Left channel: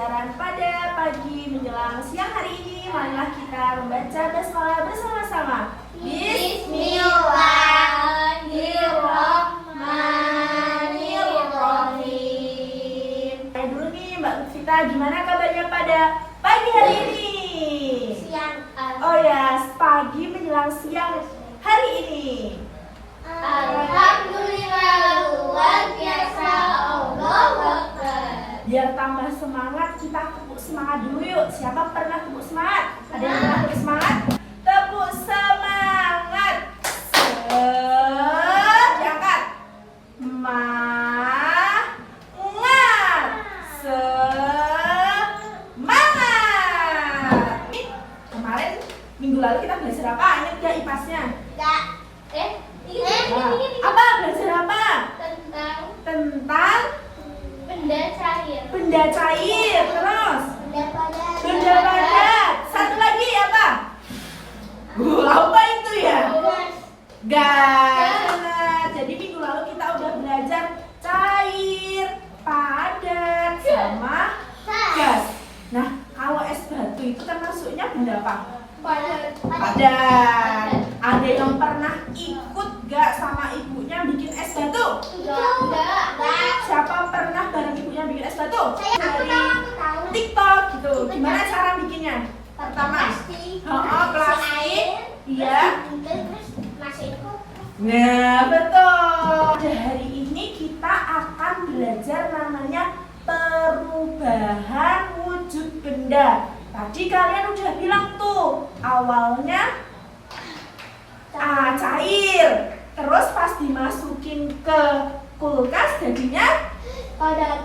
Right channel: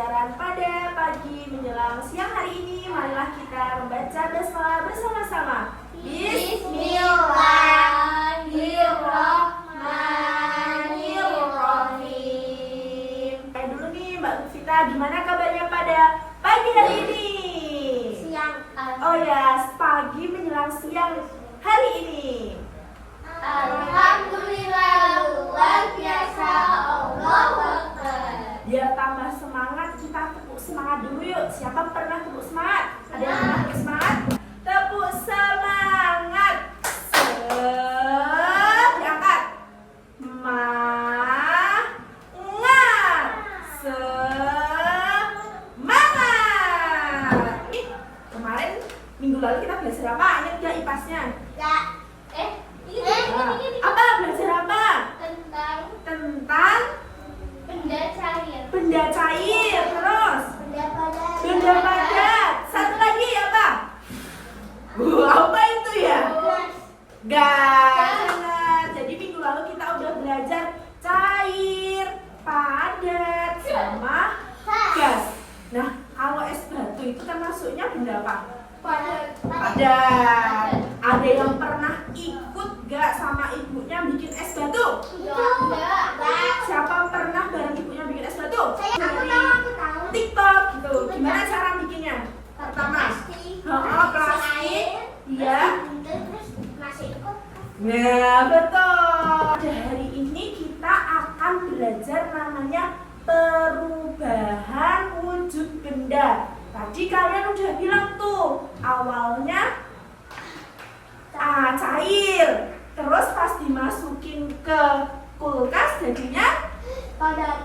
pembelajaran pada pagi menjelang siang hari ini. Marilah kita membaca basmalah bersama-sama. Bismillahirrahmanirrahim. Dulu nih Mbak Vita, gimana kabarnya pada pagi hari ini? Siang. Oh ya, pagi menjelang siang hari ini. Alhamdulillah, luar biasa. Allahu Akbar. Biar tambah semangat, kita tepuk semangat dulu yuk. Siapa pernah tepuk semangat? Ada yang pernah tepuk semangat? Tepuk semangat. Diangkat. Semangat. Semangat. Kemarin minggu lalu kita belajar apa? Ingat gak IPAS-nya? Enggak. Apa? Belajar apa? Tentang Benda cair. Terus Benda padat. Satu lagi apa? Apa itu ya? Gas. Jadi minggu lalu kita udah belajar cair, padat, sama gas. Nah, kalau es batu itu termasuknya benda apa? Padat. Ada yang pernah ikut gak sama ibunya bikin es batu? Siapa pernah bareng ibunya bikin es batu? Dari TikTok gitu. Gimana cara bikinnya? Pertama, plastik. Iya. Nah, betul. Hari ini kita akan belajar namanya perubahan wujud benda. Tadi kalian udah bilang tuh, awalnya cair. Terus pas dimasukin ke kulkas jadinya padat,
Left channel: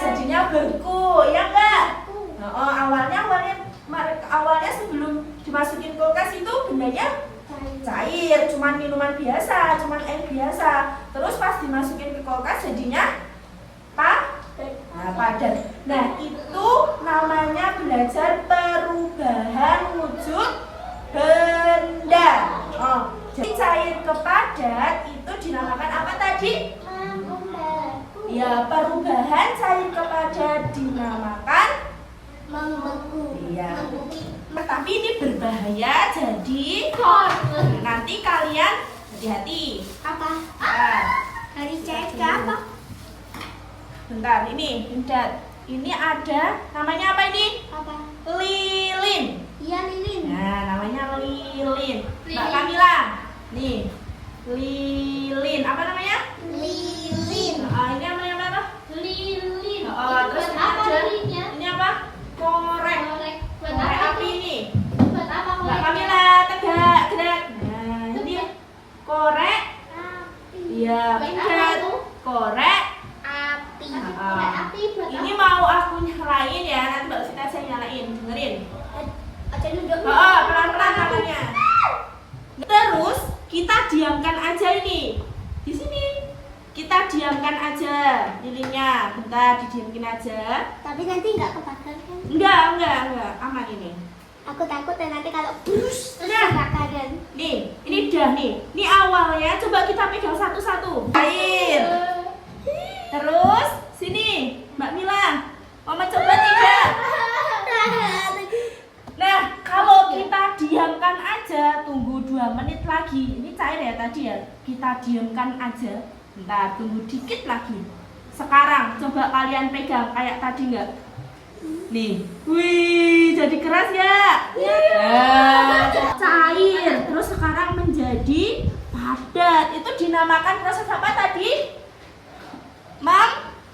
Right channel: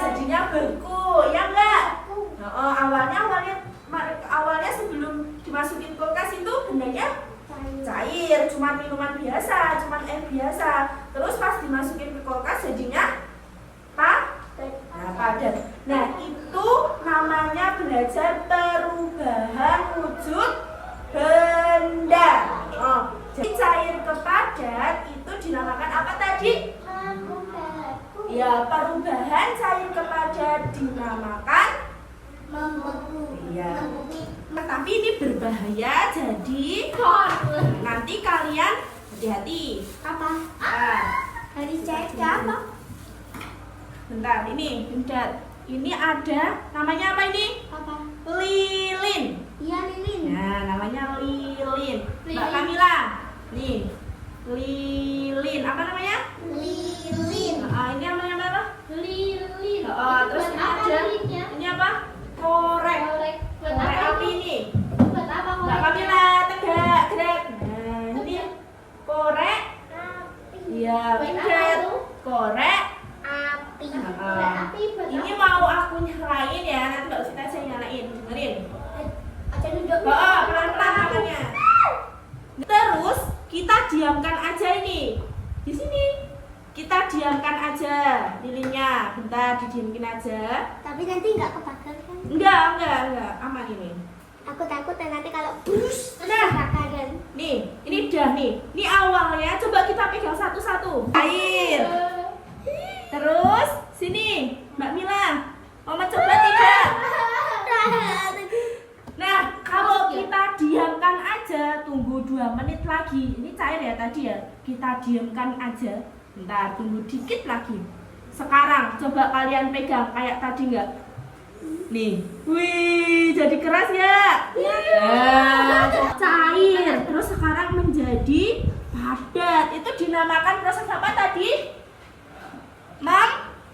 jadinya beku, ya enggak? Awalnya sebelum dimasukin kulkas itu bendanya cair, cuman minuman biasa, cuman air biasa. Terus pas dimasukin ke kulkas jadinya padat. Nah, itu namanya belajar perubahan wujud benda. Jadi cair ke padat itu dinamakan apa tadi? Ya, perubahan cair ke padat dinamakan Membeku. iya. Tapi ini berbahaya, jadi nanti kalian hati-hati. Apa? Nah, Dari cair ke apa? bentar, ini ada namanya apa ini? Apa? Lilin. Iya, lilin. Nah, namanya lilin. Mbak Lilin. Kamila, nih, lilin. Apa namanya? Lilin. Ini namanya apa? Lilin. Terus Buat apa ada lilinnya? ini apa? Korek. Buat Korek apa api ini? ini. Buat apa Mbak koreknya? Kamila, tegak, gerak. Nah, ini korek. Iya, Buat apa bukan. itu? Korek. Api. Ah. Korek api buat Ini apa? mau aku nyalain ya, nanti Mbak Sita saya nyalain. Dengerin. Aja duduk. Pelan-pelan makanya. Terus kita diamkan aja ini. Di sini. Kita diamkan aja lilinnya. Bentar, didiamkin aja. Tapi nanti nggak kebakar kan? Enggak. Aman ini. Aku takut nanti kalau terus Nah. kebakaran. Nih, ini dah nih. Ini awalnya coba kita pegang satu-satu. Air. Terus sini, Mbak Mila. Mama coba tidak? Nah, kalau kita diamkan aja, tunggu 2 menit lagi. Ini cair ya tadi ya. Kita diamkan aja. Bentar, tunggu dikit lagi. Sekarang coba kalian pegang kayak tadi enggak? Nih. Wih, jadi keras ya? Nah, cair. Terus sekarang menjadi padat. Itu dinamakan proses apa tadi?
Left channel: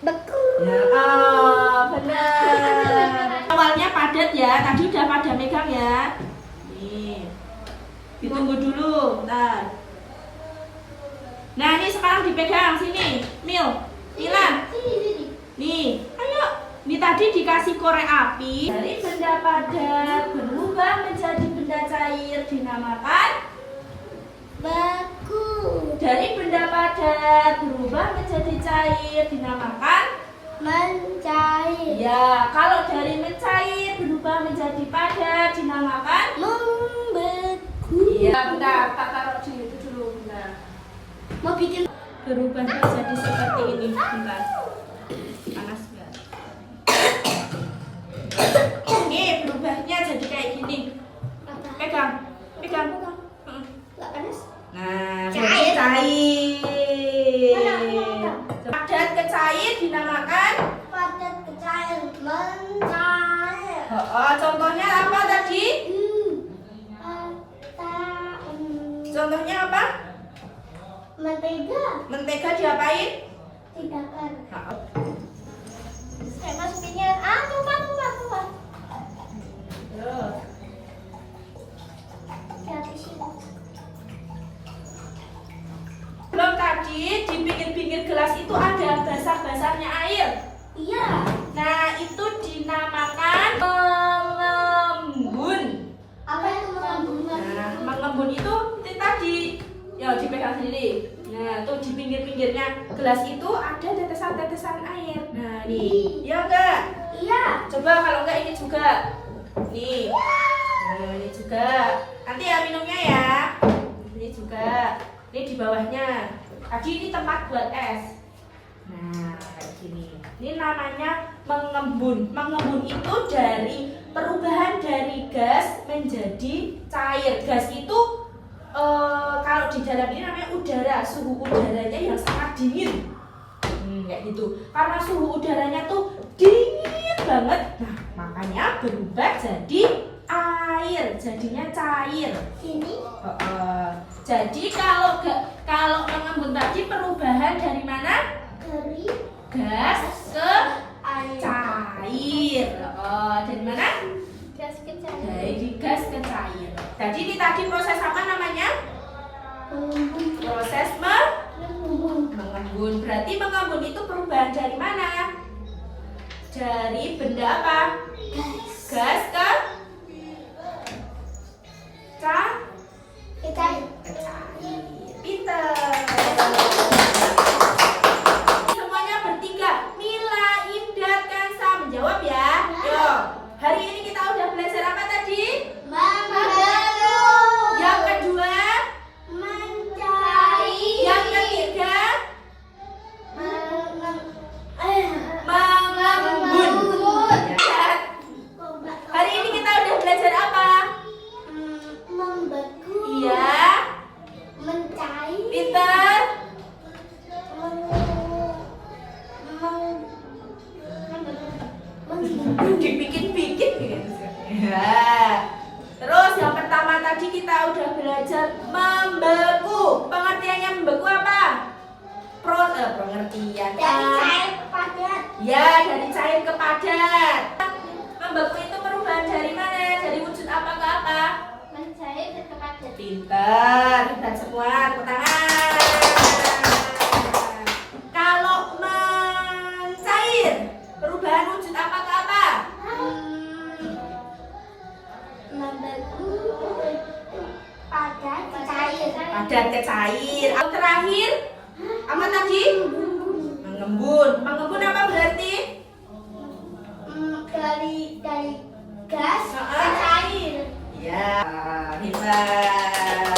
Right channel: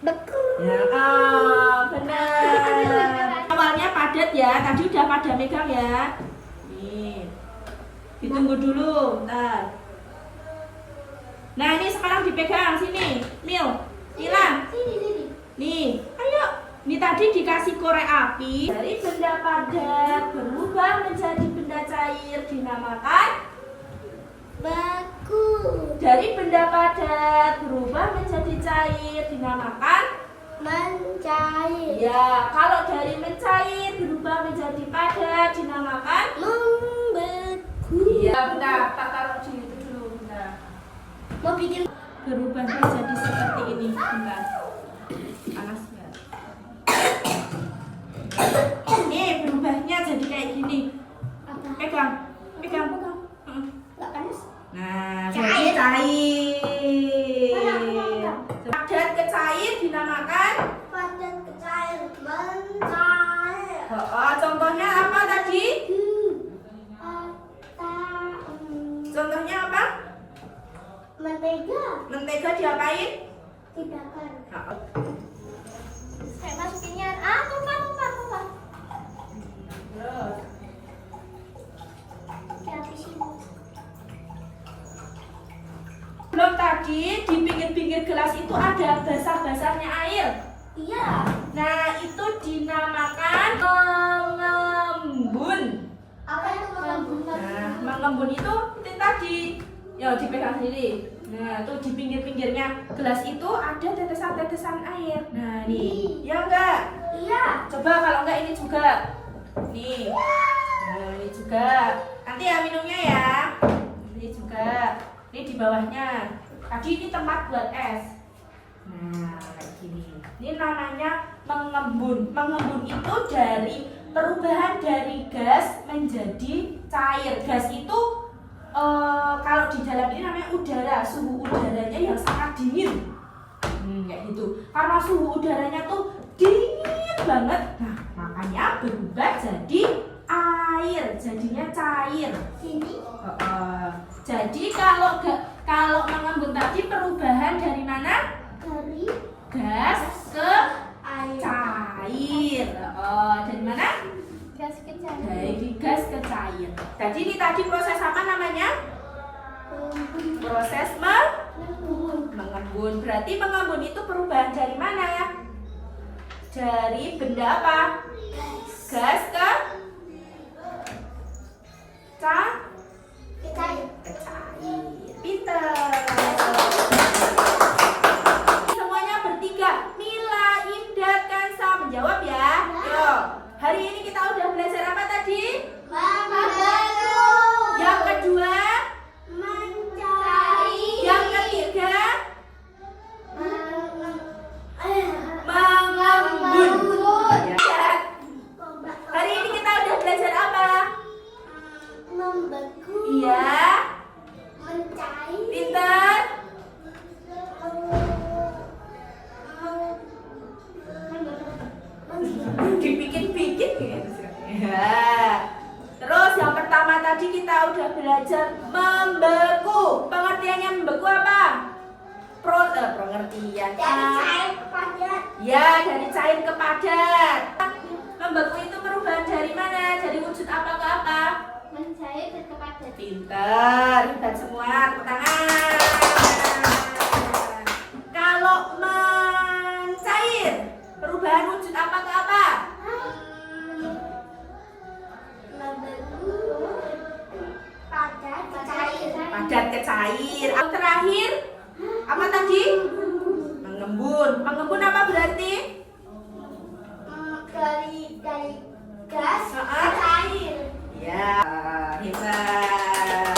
Beku. Ya, benar. Awalnya padat ya, tadi udah pada megang ya. Nih, ditunggu dulu, bentar. Nah, ini sekarang dipegang sini, Mila. Sini. Nih, ayo. Ini tadi dikasih korek api. Dari benda padat berubah menjadi benda cair dinamakan Beku. dari benda padat berubah menjadi cair dinamakan Mencair. ya. Kalau dari mencair berubah menjadi padat dinamakan Membeku. iya. Bentar, tak taruh di itu dulu, bentar. Mau bikin Berubah menjadi seperti ini, bentar. Panas enggak? airnya jadi kayak gini. Apa? Pegang. Pegang. Pegang. Mm. Nggak panas? Nah, Cair. berarti Mana? cair. Padat ke cair dinamakan. Padat ke cair. Mencair. Oh, contohnya apa tadi? Contohnya apa? Mentega Mentega diapain? dibakar. Oh. Saya masukinnya. Tumpah. Dihabisin. Belum tadi di pinggir-pinggir gelas itu ada basah-basahnya air. Iya. Nah, itu dinamakan mengembun. Apa yang mengembun? Nah, mengembun itu tadi, ya dipegang sendiri. Nah, tuh di pinggir-pinggirnya gelas itu ada tetesan-tetesan air. Nah, nih, ya enggak? Iya. Coba kalau enggak ini juga. Nih. Nah, ini juga. Nanti ya minumnya ya. Ini juga. Ini di bawahnya. Tadi ini tempat buat es. Nah, kayak gini. Ini namanya mengembun. Mengembun itu dari perubahan dari gas menjadi cair. Gas itu kalau di dalam ini namanya udara. Suhu udaranya yang sangat dingin. Kayak gitu. Karena suhu udaranya tuh dingin banget. Nah, makanya berubah jadi air. Jadinya cair. Sini. Jadi kalau mengembun tadi perubahan dari mana? Dari Gas ke air. cair. Dari mana? Gas ke cair. Dari gas ke cair. Jadi ini tadi proses apa namanya? Mengembun. Proses mengembun. Berarti mengembun itu perubahan dari mana ya? Dari benda apa? Gas ke Ke cair. cair. Pinter. Semuanya bertiga. Mila, Indah, Kansa menjawab ya. Yo. Hari ini kita udah belajar apa tadi? Mengembun. Yang kedua, Mencari. yang ketiga, mengembun. Ya. Hari ini kita udah belajar apa? Membeku. Iya. Mencair. Pinter. Dipikir-pikir gitu. Ya. Terus yang pertama tadi kita udah belajar membeku. Pengertiannya membeku apa? Pengertian. Dari cair ke padat. Ya, dari cair ke padat. Membeku itu perubahan dari mana? Dari wujud apa ke apa? Mencair ke padat. Pintar, hebat semua, tepuk tangan. Kalau mencair, perubahan wujud apa ke apa? Membeku. Padat ke cair. Padat ke cair. Yang terakhir, apa tadi? Mengembun. Mengembun apa berarti? Dari gas ke Ah. cair. Ya, hebat.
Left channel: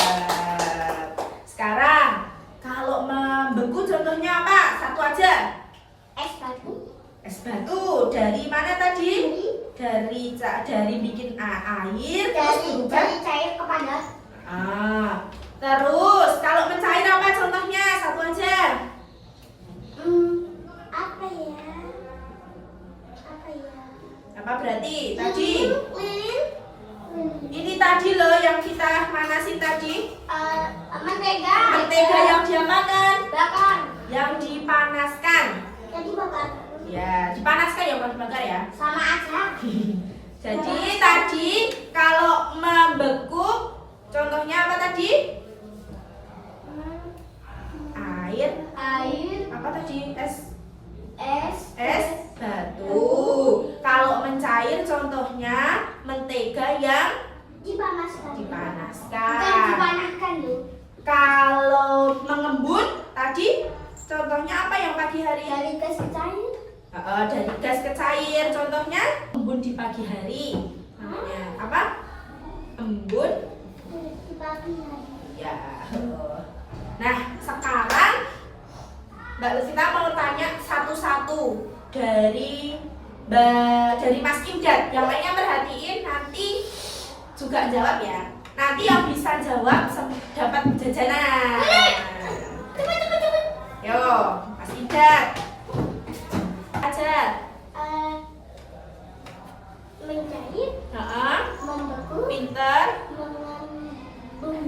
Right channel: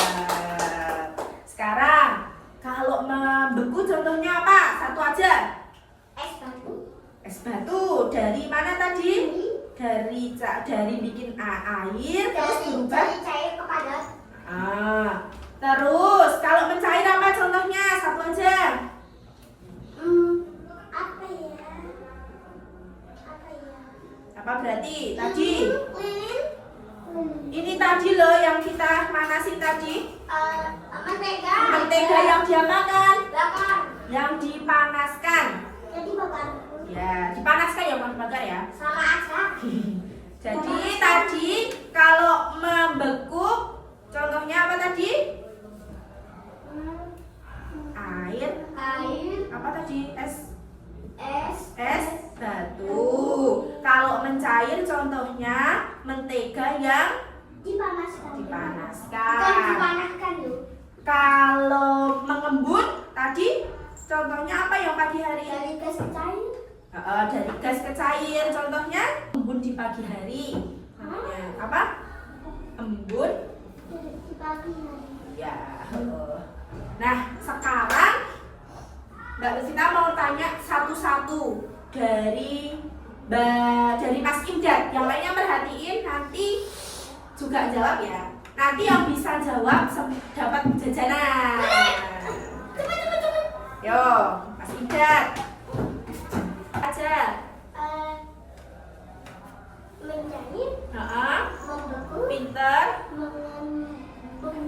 Sekarang, kalau membeku contohnya apa? Satu aja. Es batu. Es batu. Dari mana tadi? Dari bikin air terus berubah. Dari cair ke padat. Terus kalau mencair apa contohnya? Satu aja. Apa ya? Apa berarti? Tadi. Lilin. Ini tadi loh yang kita manasin tadi. Mentega. Mentega yang diapakan? Bakar. Yang dipanaskan. Jadi bakar. Ya, dipanaskan ya bukan dibakar ya. Sama aja. Jadi tadi kalau membeku contohnya apa tadi? Air. Air. Apa tadi? Es batu. Kalau mencair contohnya mentega yang Dipanaskan. dipanaskan. Bukan dipanaskan loh. Kalau mengembun tadi contohnya apa yang pagi hari? Dari gas ke cair. Dari gas ke cair contohnya embun di pagi hari. Namanya apa? Embun. Di pagi hari. Ya. Nah, sekarang Mbak Lucinta mau tanya satu-satu dari dari Mas Imdad. Yang lainnya perhatiin, nanti juga jawab ya. Nanti yang bisa jawab dapat jajanan. Cepet. Yo, Mas Imdad. Aja. Menjahit, Heeh. membeku, Pinter, mengembun.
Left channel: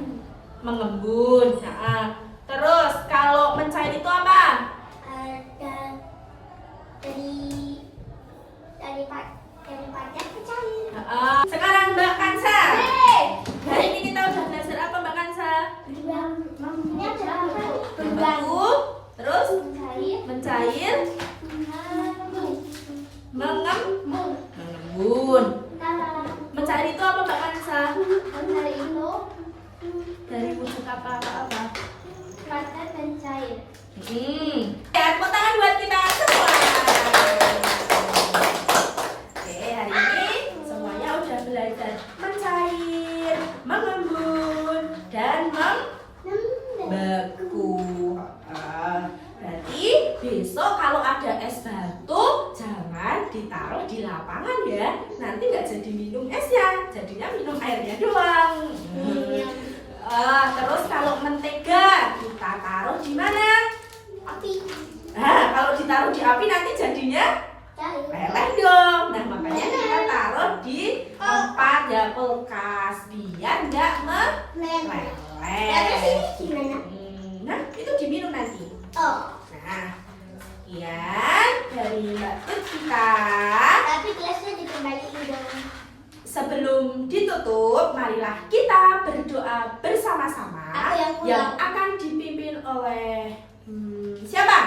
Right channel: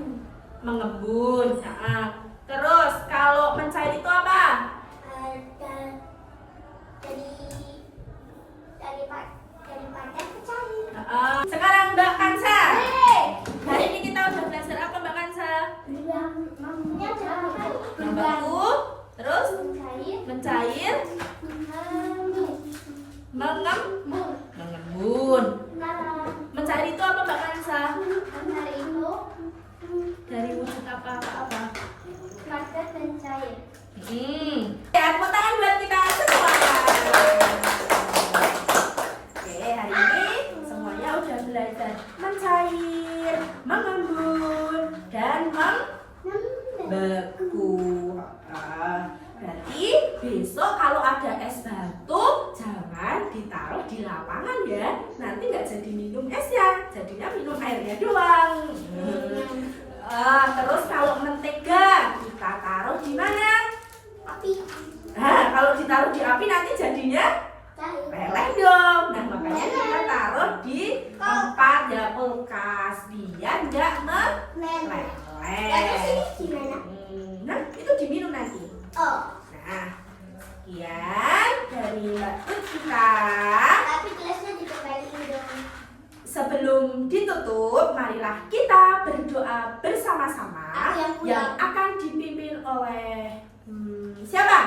mengembun. Heeh. Terus kalau mencair itu apa? Dan dari pacar ke cair. Heeh. Sekarang Mbak Kansa. Hei! Hari ini kita udah belajar apa Mbak Kansa? Ini ada apa? Membeku, terus Mencair, mencair, mengembun. mengembun. Nah, Mencair itu apa Mbak Kansa? mencair itu Dari wujud apa? padat dan cair. Ya, tepuk tangan buat kita semua. Oke, hari ini semuanya udah belajar mencair, mengembun, dan membeku. Berarti besok kalau ada es batu jangan ditaruh di lapangan ya. Nanti nggak jadi minum esnya, jadinya minum airnya doang. Terus kalau mentega kita taruh di mana? Api, Nah, kalau ditaruh di api nanti jadinya cair. meleleh dong. Nah, makanya kita taruh di tempat ya kulkas biar nggak meleleh. Terus ini gimana? Nah, itu diminum nanti. Oh, Nah, sekian dari Mbak Tutika. tapi gelasnya dikembalikan dengan Sebelum ditutup, marilah kita berdoa bersama-sama Aku yang pulang. yang akan dipimpin oleh siapa?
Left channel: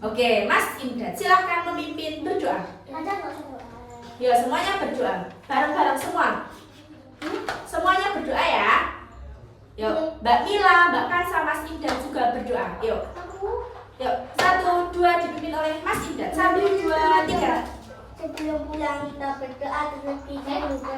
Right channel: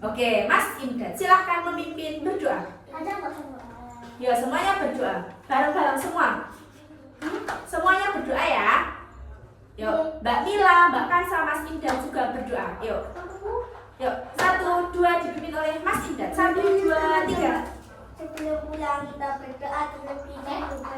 Oke, Mas Imdad, silahkan memimpin berdoa. ada nggak coba? Ya, semuanya berdoa, bareng-bareng semua. Semuanya berdoa ya. Yuk, Mbak Mila, Mbak Kansa, Mas Imdad juga berdoa. Yuk, yuk, 1, 2 dipimpin oleh Mas Imdad. 1, 2, 3. Sebelum pulang kita berdoa terlebih dahulu.